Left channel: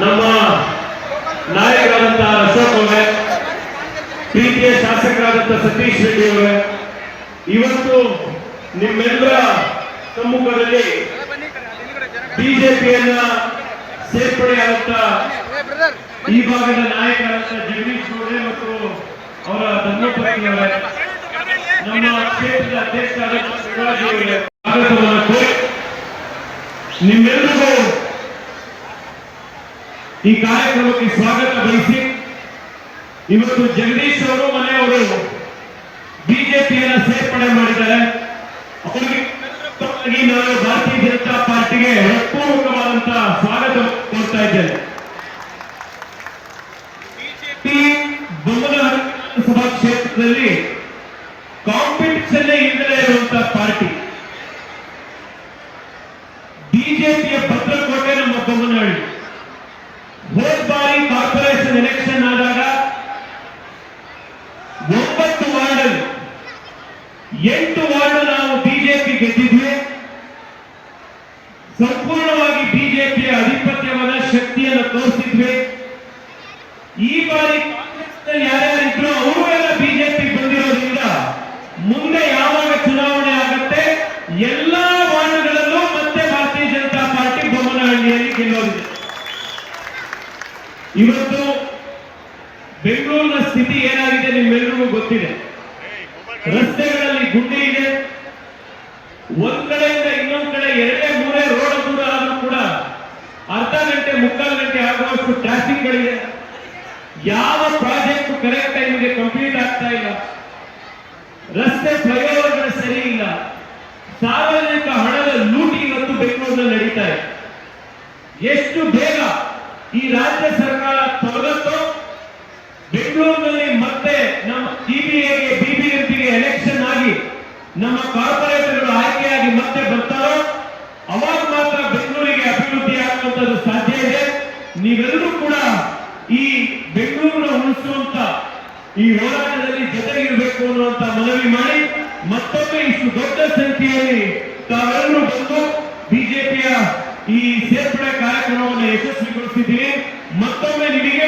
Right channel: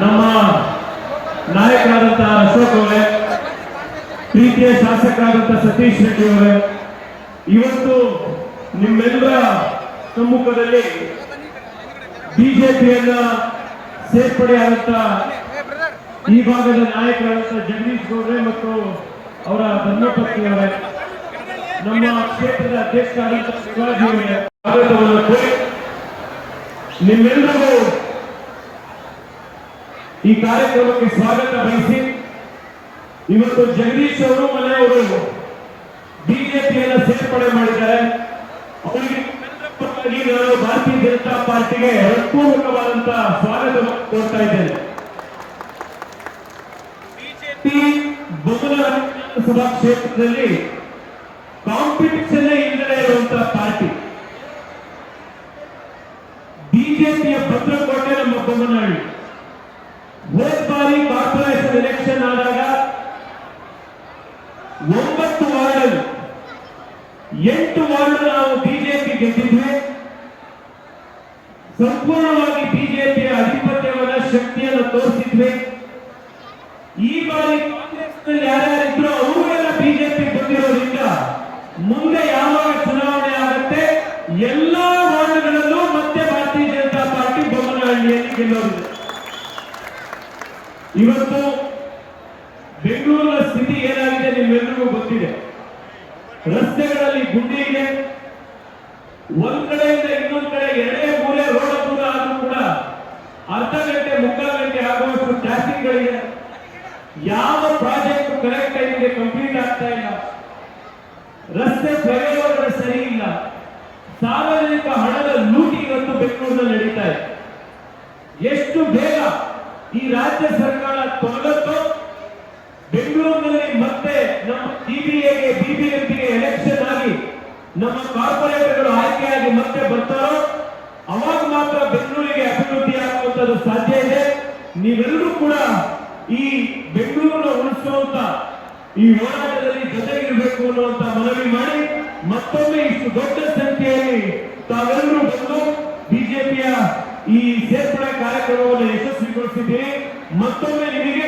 ನಮ್ಮ ನಾಯಕರಾದಂತಹ ಅಶೋಕ್ ಅವರೇ, ಪ್ರೀತಿಯ ಶಾಸಕರಾದಂತಹ ಸತೀಶ್ ರೆಡ್ಡಿ ಅವರೇ, ಇವತ್ತು ನಿಮ್ಮೆಲ್ಲ ಸಮ್ಮುಖದಲ್ಲಿ ಬಿಜೆಪಿಯನ್ನ ಸೇರ್ಪಡೆಯಾಗುತ್ತ ಈ ಭಾಗದ ನಾಯಕರಾದಂತಹ ಜಗದೀಶ್ ಗೌಡ್ರೆ ಮತ್ತು ಅವರ ಧರ್ಮಪತ್ನಿಯವರೇ ನಮ್ಮ ಕ್ಷೇತ್ರದ ಅಧ್ಯಕ್ಷರಾದಂಥ ಶಿವಾಜಿ ಅವರೇ ಸ್ವಾಗತವನ್ನು ಈ ಕಾರ್ಯಕ್ರಮಕ್ಕೆ ಸ್ವಾಗತ ಬಯಸಿ ಇವತ್ತು ಜಗದೀಶ್ ಅವರು ಮನೆಯವರು ಬಿಜೆಪಿಯನ್ನು ಸೇರ್ಪಡೆ ಮಾಡಿದ್ದಾರೆ. ಅವರಿಗೆ ನಾನು ಭಾರತೀಯ ಜನತಾ ಪಾರ್ಟಿಗೆ ಹೃತ್ಪೂರ್ವಕವಾದಂತಹ ಸ್ವಾಗತ ಕೊಡ್ತಾ ಇದ್ದೇನೆ. ಬಿಜೆಪಿ ಬಂಗಲ ವಿಧಾನಸಭಾ ಕ್ಷೇತ್ರದಲ್ಲಿ ಯಾರ್ಯಾರಿದ್ರು ಅವರು ಎಲ್ಲ ಬಿಜೆಪಿ ಬಂದಿರೋದ್ರಿಂದ ಮುಂದೆ ಯಾವಾಗ ಚುನಾವಣೆ ಆಗುತ್ತೆ, ಎಲ್ಲ ವಾರ್ಡ್ಗಳಲ್ಲೂ ಮತ್ತೆ ಭಾರತೀಯ ಜನತಾ ಪಾರ್ಟಿ ಬೊಮ್ಮನಹಳ್ಳಿಯಲ್ಲಿ ಗೆಲ್ಲೋದಿದೆ. ಇವತ್ತು ಬೆಂಗಳೂರಿನ ಸ್ಥಿತಿ ಏನಾಗಿದೆ ನಿಮ್ಮೆಲ್ಲರಿಗೂ ಗೊತ್ತಿದೆ. ರಸ್ತೆಗಳಲ್ಲಿ ಗುಂಡಿ ಇದೆ. ಒಂದ್ ಕಡೆಯಿಂದ ಇನ್ನೊಂದ್ ಕಡೆ ಎರಡೇ, ಮೂರೇ ರೋಡ್ ಕೂಡ ಆದ್ರೂ ಕೂಡ ಅರ್ಧ ಗಂಟೆ, ಮುಕ್ಕಾಲು ಗಂಟೆ ಆಗುವಷ್ಟು ಟ್ರಾಫಿಕ್ ಗಳಿದೆ. ಯಾವ ಕರೆಕ್ಟ್ ಟೈಮ್ಗೆ ಕಂಪ್ಲೀಟ್ ಆಗ್ತಾ ಇಲ್ಲ. ರಸ್ತೆ ಪ್ರಯಾಣ ಸರಿ ಇಲ್ಲ. ಸಾರ್ವಜನಿಕ ಹಣದ ಲೂಟಿ ಇವತ್ತು ಬೆಂಗಳೂರಿನಲ್ಲಿ ನಡೀತಾ ಇದೆ. ಎಷ್ಟು ಬೇಗ ಈ ರಾಜ್ಯ ಸರ್ಕಾರ ತೊಲಗುತ್ತೋ ಬೆಂಗಳೂರಿನಲ್ಲಿ ಮತ್ತೆ ನಮ್ಮ ಸಿಬಿಐಗೆ ಬಿಬಿಎಂಪಿಗೆ ಎಲೆಕ್ಷನ್ ಆಗಿ ನಮ್ಮ ಕಾರ್ಪೊರೇಟರ್ಗಳು ಆಯ್ಕೆಯಾಗಿ ಮತ್ತೆ ಬರ್ತಾರೋ, ಅವಾಗ ಮಾತ್ರ ಬೆಂಗಳೂರಿಗೆ ಅಭಿವೃದ್ಧಿ ಆಗುವಂತದ್ದು ಸಾಧ್ಯ ಇದೆ. ನೀವೆಲ್ಲರೂ ಕೂಡ ಈ ಈ ಹೋರಾಟದಲ್ಲಿ ಜೊತೆಗಿರಬೇಕು ಅನ್ನುವಂತ ಮನವಿ ಮಾಡಿ ಮತ್ತೊಮ್ಮೆ ಇಷ್ಟು ದೊಡ್ಡ ಸಂಖ್ಯೆಯಲ್ಲಿ ತಾವೆಲ್ಲರೂ ಬಂದು ಬಿಜೆಪಿಯ ಈ ಸೇರ್ಪಡೆ ಕಾರ್ಯಕ್ರಮವನ್ನು ಯಶಸ್ವಿಗೊಳಿಸಿದ್ದೇನೆ ಮತ್ತೊಮ್ಮೆ ನಿಮಗೆ